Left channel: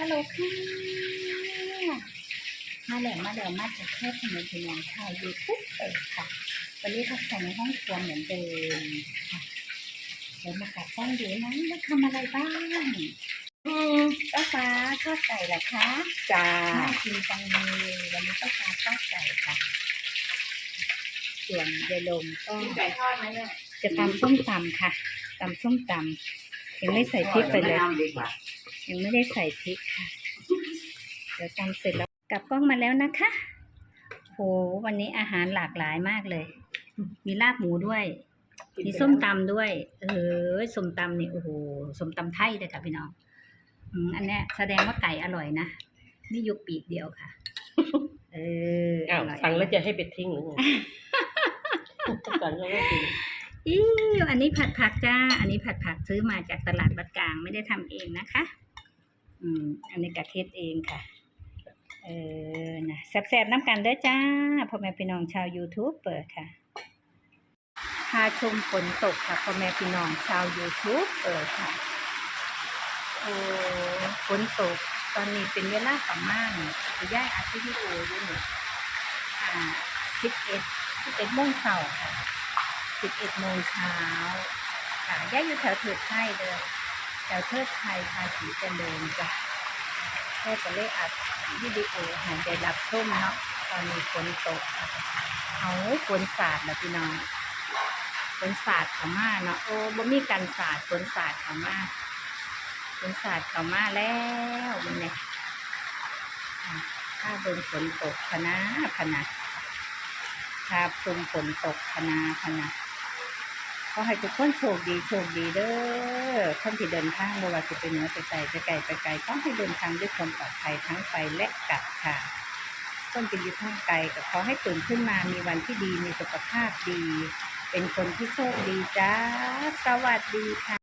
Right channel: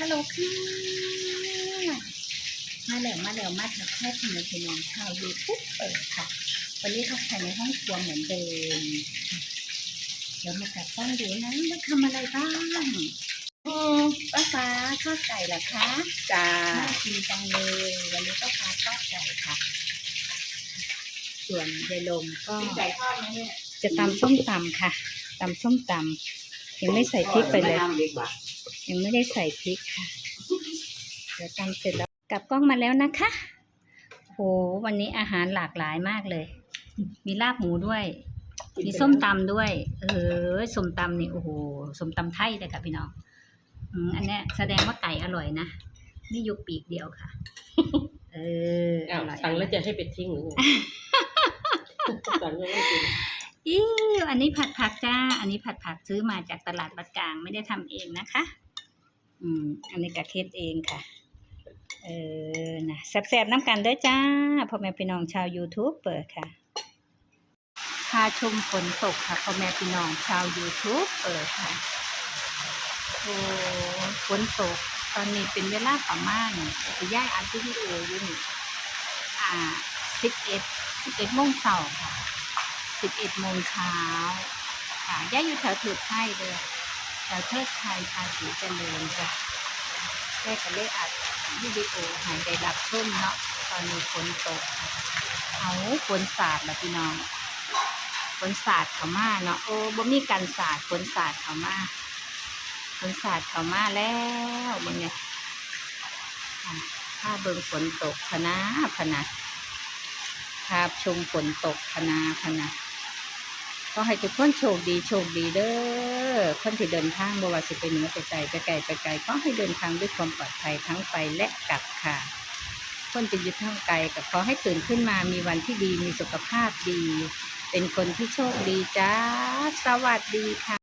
ฮัลโหลค่ะมาแล้วมาแล้วมาถักแค่พี่น้องพี่น้องชาวยูทูบเปิดค่ะ วันนี้ทักทายในห้องครัวเหมือนเดิมค่ะเดี๋ยวมากัดกล้องดูนะว่าทำอะไรบ้างอืมป้าฟ้าทอดไก่เหรอคะจ้าน่ากินจังเลยวันนี้ป้าฟ้าทอดไก่ค่ะ ส่วนยายลมก็ไก่ทอดไหมเนี่ยจะตำส้มตำค่ะตำส้มตำยังไม่ใส่พริกไปเลย ทอดหรือม่ทำดีกว่ายังไม่ได้ใส่พริกค่ะ เดี๋ยวตำเสร็จแล้วกลับกล้องมาแล้วนะคะโหวันนี้อาหารหลากหลายมากเลย มีลาบหมูด้วย มีส้มตำด้วย เออส้มตำนี่โอ้โหส้มตำไทยเลยค่ะพี่น้องอืมอันเนี้ยแสดงว่าไก่อร่อยนะนี่ยกปีกเดียวค่ะ เออออ้าวร่อยสั่งแล้วจะให้ไปทิ้งหรือไงสั่งแล้วไม่กิน อิ้วอันนี้ผัดผักจ้า อันนี้ผัดผักซื้อมาจากตลาดบัดกลางไม่ได้ทำเองนะคะ อืม อันนี้กะเทศเองค่ะ เออนะแซ่บๆน้ำกันเด้อจ้าพ่อแม่พี่น้องชาว YouTube เปิดค่ะพาชมฝนตกค่ะพ่อแม่พี่น้องชาว YouTube เปิดค่ะ โอ้ฝนตกตอนนี้เป็นเวลาประมาณคือย่ายอัดวิดีโออยู่นี่อ่าสิบเอ็ดสิบเอ็ดโมงเช้าค่ะ สิบเอ็ดโมงเช้าค่ะย่ายอยู่แถวเถิดไทยเลยแถวเทิดไทยภาษีเจริญจ้ะแค่ก็เลยอัดวิดีโอหายได้รับชุ่มเนาะตอนนี้ฝนตกค่ะเอาฝนสาดแล้วพี่น้องฝนสาดเขามาเนาะโอ้บ่มีกันสาดฝนสาดเขามาฝนสาดเขามาแล้วมึงเนี่ยอะถ้าเบิ่งฝนตกพนะพนะภาพชมฝนตกพนาพนะ ก็ให้ทุกคนโชคดีโชคดีเด้อคนที่เดินทางบ่ว่าสิเปเนื้อไปไกลไปไกลไปไกลก็ให้เดินทางด้วยความปลอดภัยทั้งไปและกลับค่ะ คนจะยึดทางไกลแต่ขอให้ตื่นขึ้นมามีวันที่ดีมีสุขภาพดี เป็นคนที่โชคดีจ้า สวัสดีค่ะ